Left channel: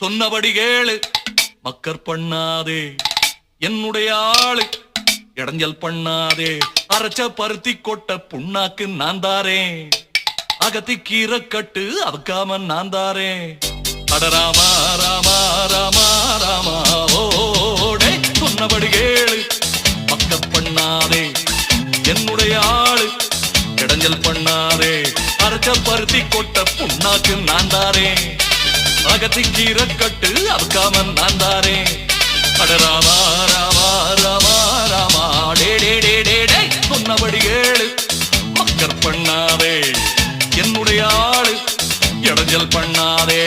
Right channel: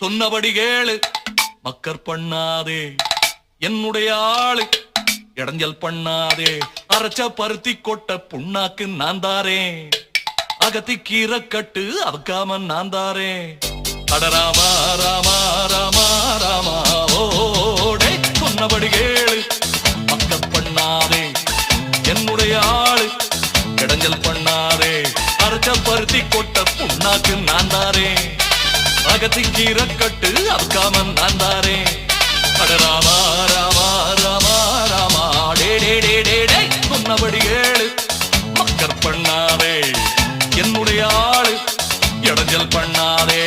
சொன்னபடி கேளு மக்கர் பண்ணாதே என்னுடைய ஆளு இடைஞ்சல் பண்ணாதே அரைச்ச பருத்தி கொட்ட புண்ணாக்கு நான் தாரேன் அகத்தி கீரை கட்டு அவக்காம நான் தாரேன் அட ராமா ராமா ராமா ராமா ஓடே சொன்னபடி கேளு மக்கர் பண்ணாதே என்னுடைய ஆளு இடைஞ்சல் பண்ணாதே அரைச்ச பருத்தி கொட்ட புண்ணாக்கு நான் தாரேன் அகத்தி கீரை கட்டு அவக்காம நான் தாரேன் அட ராமா ராமா ராமா ராமா டே டே டே டே டே சொன்னபடி கேளு மக்கர் பண்ணாதே என்னுடைய ஆளு இடைஞ்சல் பண்ணாதே